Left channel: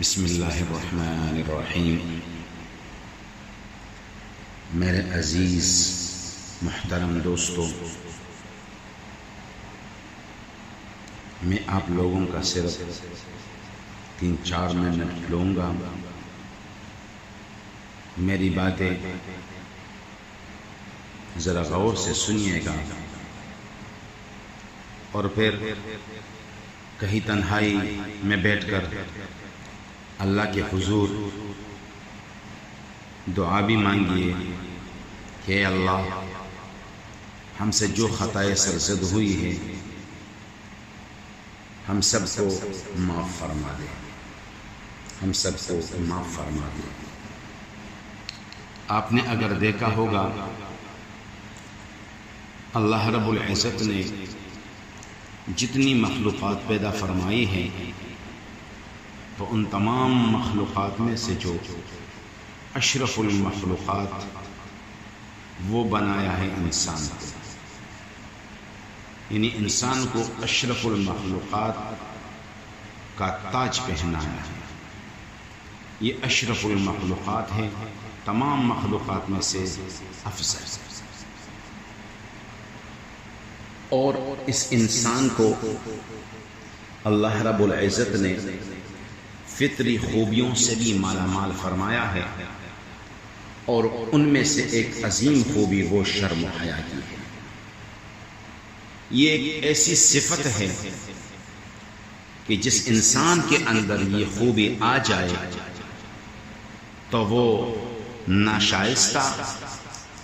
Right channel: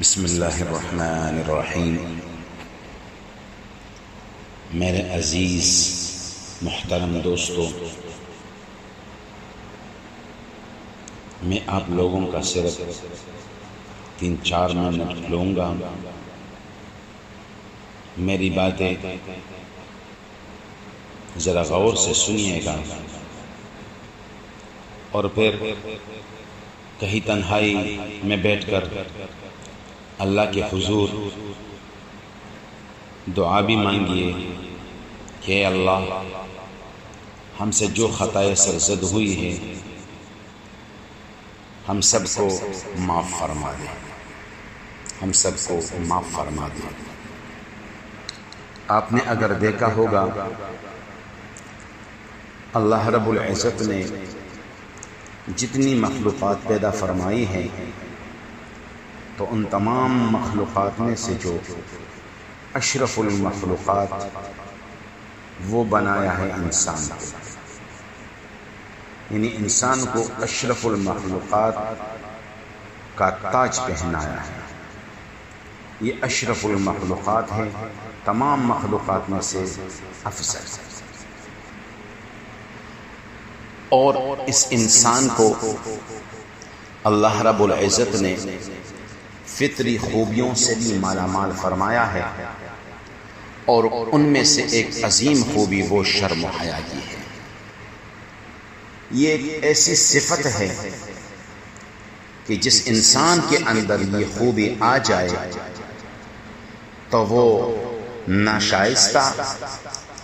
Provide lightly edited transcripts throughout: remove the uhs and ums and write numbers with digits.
بسم اللہ الرحمن الرحیم۔ میرے عزیز محترم دوستو، میں آپ لوگوں کا صرف 3-4 منٹ لوں گا۔ میری باتیں ذرا غور سے سنیے گا، اور پھر کہیں تنہائی میں بیٹھ کر اللہ کے حضور دعا بھی مانگیے کہ اے اللہ، ہم سے جو خطائیں سرزد ہوئی ہے ہم سب کو معاف فرما دے، ہم سب کو معاف فرما دے۔ آپ نے اگر دیکھا ہوگا، اللہ رب العزت نے جتنی مخلوقات پیدا فرمائی ہیں تو ان تمام مخلوقات میں سے جو اشرف المخلوقات وہ بنایا ہے انسان کو، یعنی انسان کو اشرف المخلوقات کا تاج پہنایا ہے۔ یہ اشرف المخلوقات ہے، تمام مخلوقات میں سے افضل، اور اس انسان کو اللہ رب العزت نے فطری خوبیوں سے بھی مالا مال فرمایا ہے، اور ان میں سے ایک عظیم خوبی وہ شرم و حیا کی ہے۔ یہ ایک ایسی صفت ہے کہ جس انسان کے اندر یہ خوبی آ جائے تو وہ ناشائستہ،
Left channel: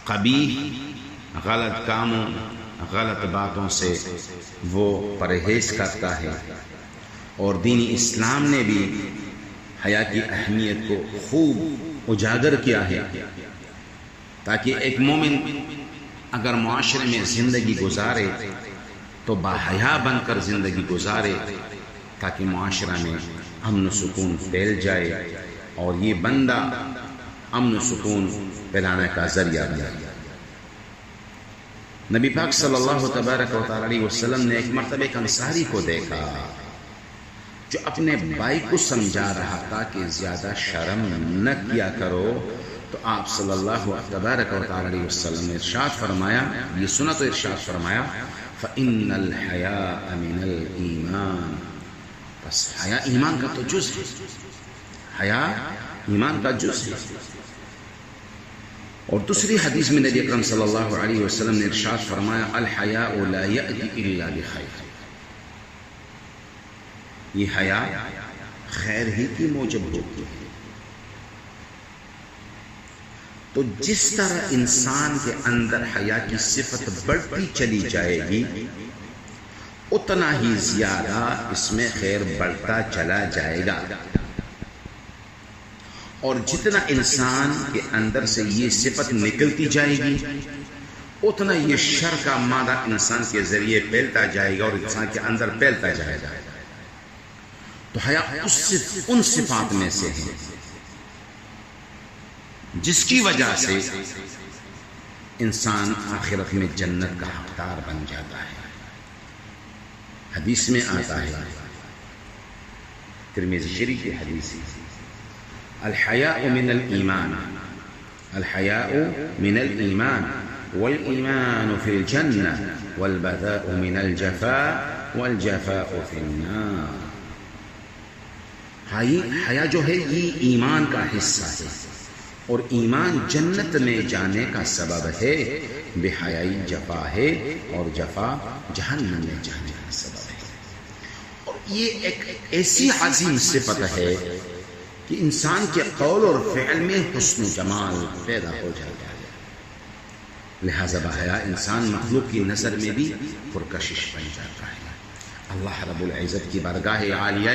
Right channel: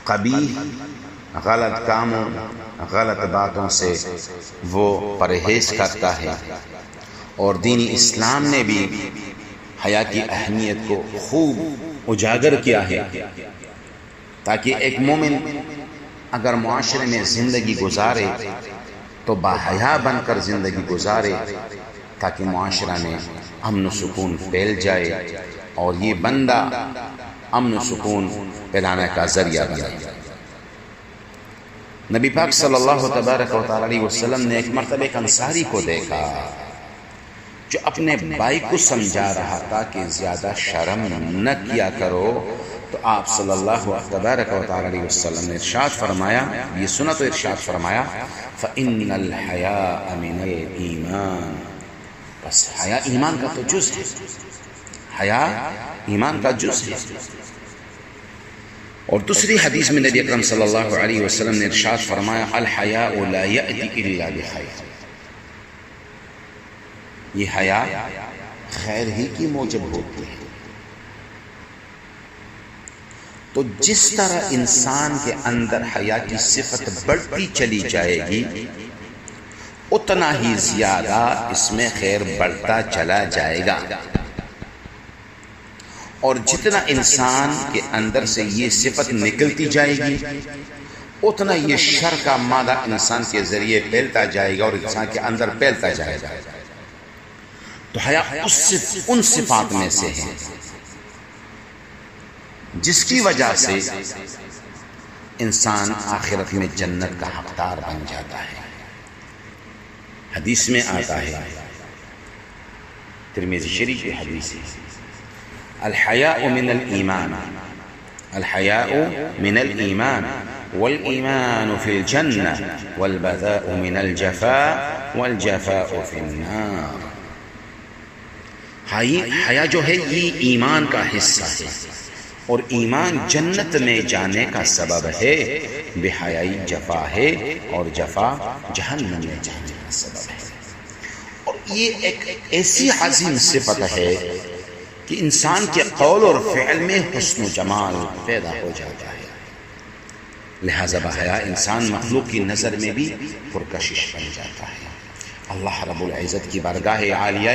قبیح، غلط کاموں، غلط باتوں سے وہ پرہیز کرتا ہے۔ اور دین اسلام نے بھی حیا کی اہمیت کو خوب اجاگر کیا ہے، تاکہ ایک مومن اگر معاشرے میں زندگی گزارے تو باحیا بن کر زندگی گزارے، تاکہ معاشرہ میں امن و سکون پھیل جائے، اور یہ بندہ امن و سکون پھیلانے کا ذریعہ بنے۔ نبی پاک صلی اللہ تبارک و تعالی علیہ وسلم نے ایک مرتبہ ایک انصاری کو دیکھا جو اپنے بھائی کو سمجھا رہا تھا کہ زیادہ شرم نہ کیا کرو، تو آپ صلی اللہ تبارک و تعالی علیہ وسلم نے ارشاد فرمایا، یہ سنا تو ارشاد فرمایا، فَإِنَّ الْحَيَاءَ مِنَ الْإِيمَانِ، بس حیا ایمان کا تو جز ہے، حیا ایمان کا جز ہے۔ اور دوسری حدیث میں نبی اکرم صلی اللہ علیہ وسلم نے ارشاد فرمایا، الحیاء لا یأتی الا بخیر، یہ حیا خیر ہی کی موجب ہوتی ہے۔ تو جس طرح انسان کے اندر حیا کی صفت بڑھتی چلی جائے گی، اتنا ہی زیادہ اس میں خیر بڑھتا چلا جائے گا، اور جتنا انسان کے اندر سے یہ صفت نکلتی جائے گی، اتنا یہ شر کا مادہ انسان کے ذریعے پھیلتا جائے گا اور انسان کے اندر پھیلتا جائے گا۔ تو حیا ان صفات میں سے ہے جس کی وجہ سے انسان آخرت میں جنت کا حقدار بن جاتا ہے۔ حدیث میں آتا ہے، ترمذی شریف کی حدیث ہے، الحیاء من الایمان، الحیاء من الایمان والایمان فی الجنہ والبذاء من الجفاء والجفاء فی النار۔ حیا جو ہے یہ ایمان کا حصہ ہے، اور ایمان جنت میں جانے کا سبب ہے، بے حیائی جفا ہے، اور جفا جہنم میں جانے کا سبب ہے۔ اور یہ ایک ایسی عظیم صفت ہے کہ انسان کے قول اور فعل میں حسن و جمال پیدا ہو جاتا ہے۔ لہذا بحیا انسان مخلوق کی نظر میں بھی پرکشش بن جاتا ہے۔ اللہ رب العزت کی بارگاہ عالیہ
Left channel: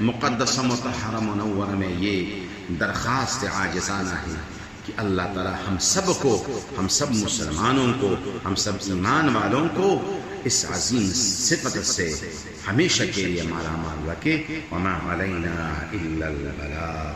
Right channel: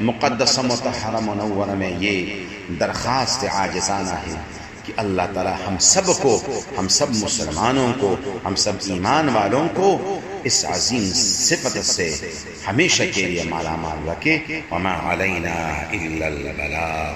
مقدس مطہرہ منورہ میں یہ درخواست عاجزانہ ہے کہ اللہ تعالی ہم سب کو، ہم سب مسلمانوں کو، ہم سب ایمان والوں کو اس عظیم صفت سے ہمیشہ کے لیے مالا مال رکھے۔ وما علینا الا البلاغ۔